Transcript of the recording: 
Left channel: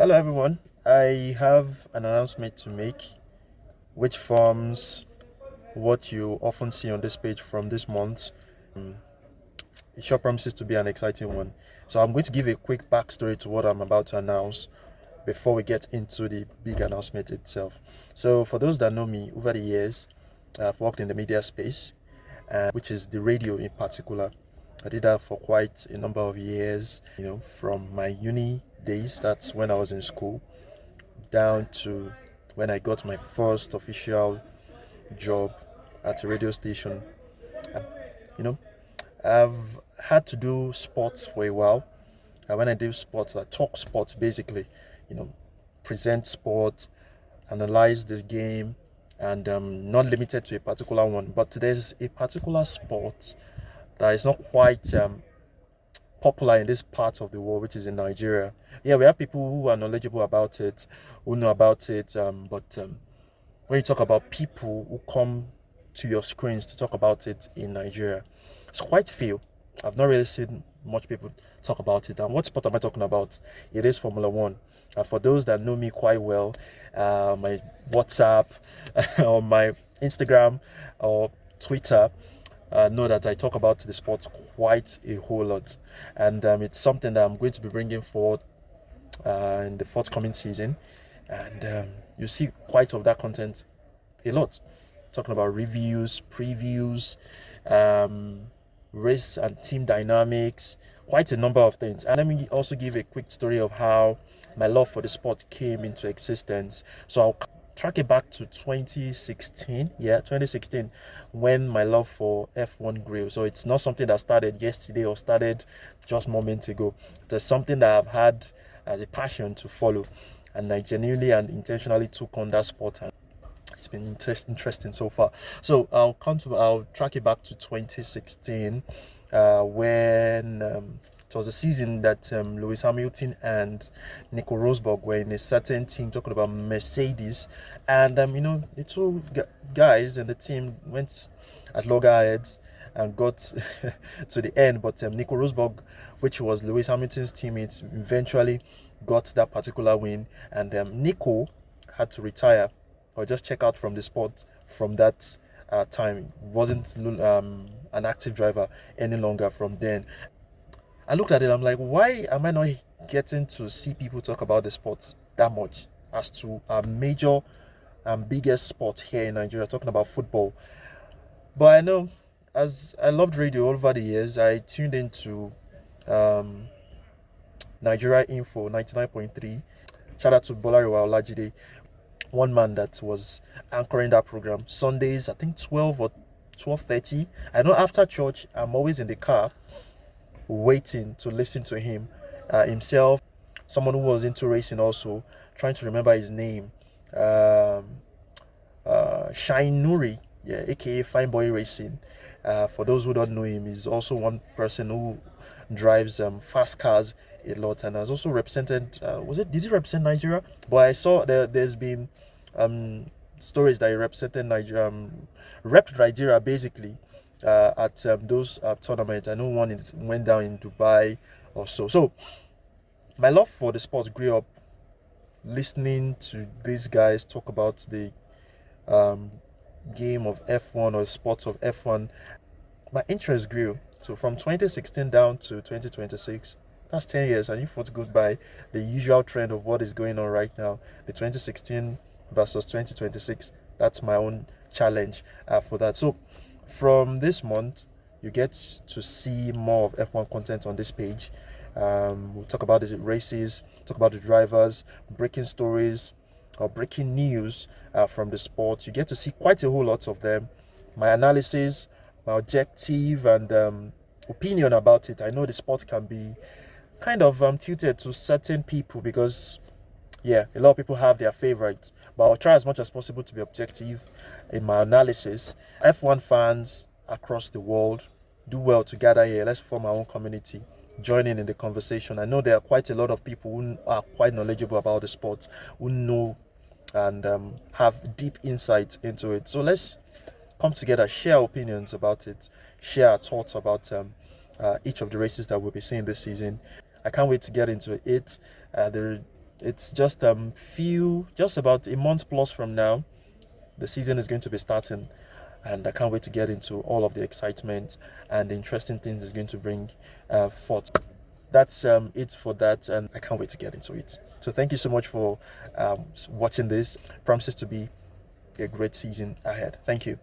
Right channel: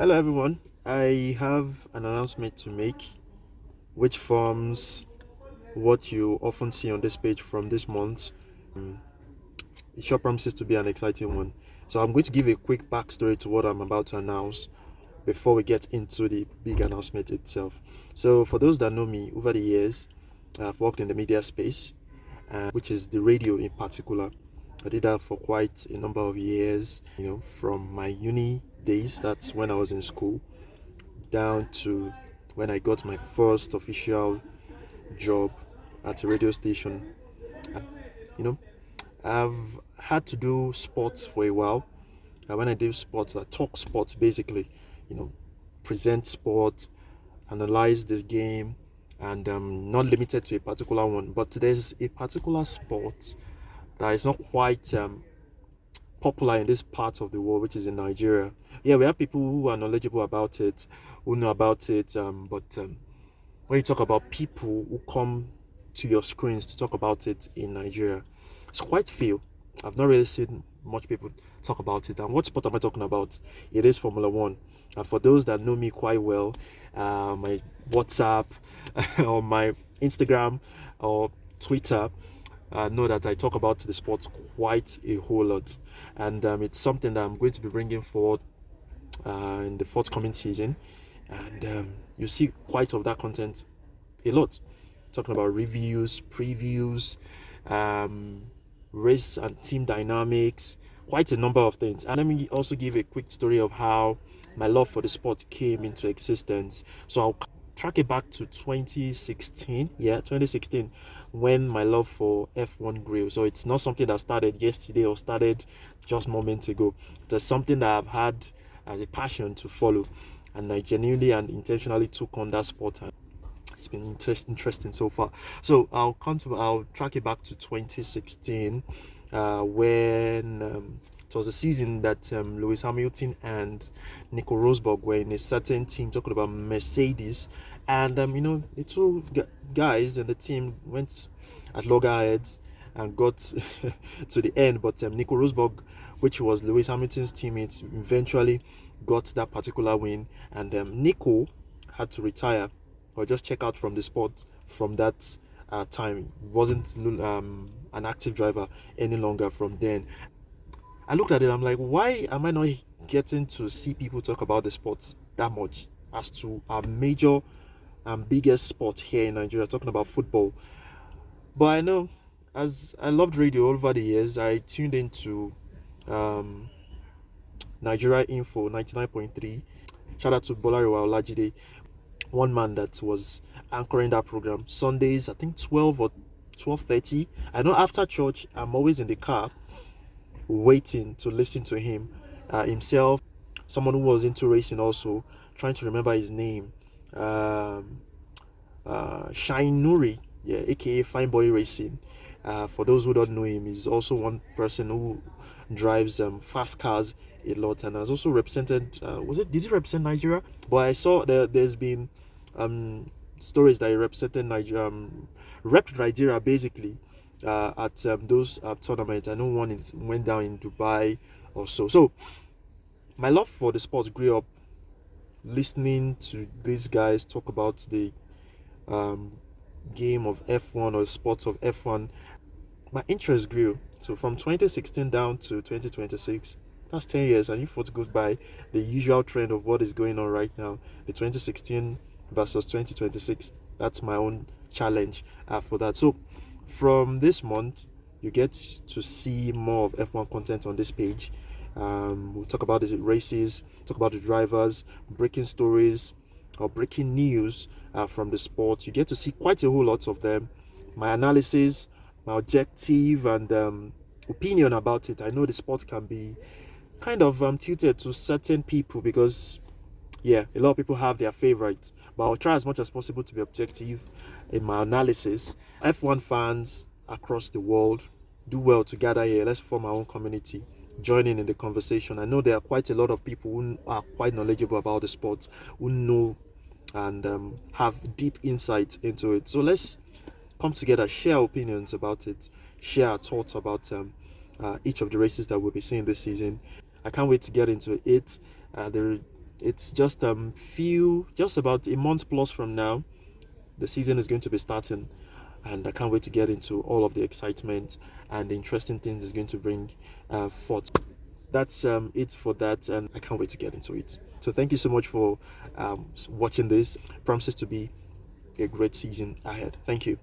Hello, everyone. I have an announcement to make, which forms what you often see on this page from this month. It sure promises to be an exciting one. So, I'm going to give a quick backstory to what I'm about to announce before we get into the big announcement itself. So, for those that know me over the years, I've worked in the media space, which is the radio in particular. I did that for quite a number of years, from my uni days, that's when I was in school, down to when I got my first official job at a radio station. You know, I've had to do sports for a while. And when I do sports, I talk sports basically, you know, present sports, analyze this game, and not limited to a particular one. But there's a particular sport that is not quite popular in this part of the world, which is in Nigeria. Yeah, we have people who are knowledgeable about it, who know about it, but when you talk about people who come to your screens to talk about it in Nigeria, it's quite few. I've not really seen much people talk about it. And what sport am I talking about? It is Formula One. And for those that know me quite well, my WhatsApp or my Instagram or Twitter, know that I talk about the sport quite a whole lot. And it's something that I'm going to be bringing forward in the forthcoming season. And you see quite of that content a lot. Talking about reviews, previews, um, race and team dynamics, quite a number of things. And let me also give a quick story of how my love for the sport came into existence. So I'll track it back to 2016. Yeah, 2016, when my love for F1 grew. So it's not something that started yesterday or started just moments ago. There's something that I've had as a passion to follow, and I genuinely and intentionally took on that sport, and it's been interesting so far. So I'll track it back to 2016, when it was a season that Lewis Hamilton and Nico Rosberg were in a certain team, talking about Mercedes, and the two guys in the team went at loggerheads and got to the end, but Nico Rosberg, which was Lewis Hamilton's teammate, eventually got that particular win, and Nico had to retire or just check out from the sport from that time. Wasn't an active driver any longer from then. I looked at it, I'm like, why am I not getting to see people talk about the sports that much as to a major and biggest sport here in Nigeria, talking about football? But I know, as I loved radio all over the years, I tuned into um, Nigeria Info 99.3. Shout out to Bolariwa Olajide, one man that was anchoring that program Sundays, I think 12 or 12:30. I know after church I'm always in the car waiting to listen to him. Himself, someone who was into racing, also trying to remember his name. um Shine Nuri, yeah, aka Fine Boy Racing. For those who don't know him, he's also one person who drives fast cars a lot, and has also represented. Did he represent Nigeria? But I saw there's been stories that he represented Nigeria, repped Nigeria basically at those tournaments. I know one went down in Dubai or so. So my love for the sport grew up listening to these guys talk about the um, game of F1 or sports of F1. My interest grew. So from 2016 down to 2026, that's 10 years. And if what goes by the usual trend of what is going on right now, the 2016 versus 2026, that's my own challenge for that. So from this month, you get to see more of F1 content on this page. We'll talk about the races, talk about the drivers, breaking stories or breaking news from the sport. You get to see quite a whole lot of them. My analysis, my objective, and opinion about it. I know the sport can be kind of tilted to certain people because, yeah, a lot of people have their favorites. But I'll try as much as possible to be objective in my analysis. F1 fans across the world, do well to gather here. Let's form our own community, join in the conversation. I know there are quite a lot of people who are quite knowledgeable about the sport, who know and have deep insight into it. So let's come together, share our opinions about it, share our thoughts about each of the races that we'll be seeing this season. I can't wait to get into it. The It's just about a month plus from now, the season is going to be starting, and I can't wait to get into all of the excitement and the interesting things it's going to bring forth. That's it for that, and I can't wait to get into it. So thank you so much for watching this. Promises to be a great season ahead. Thank you.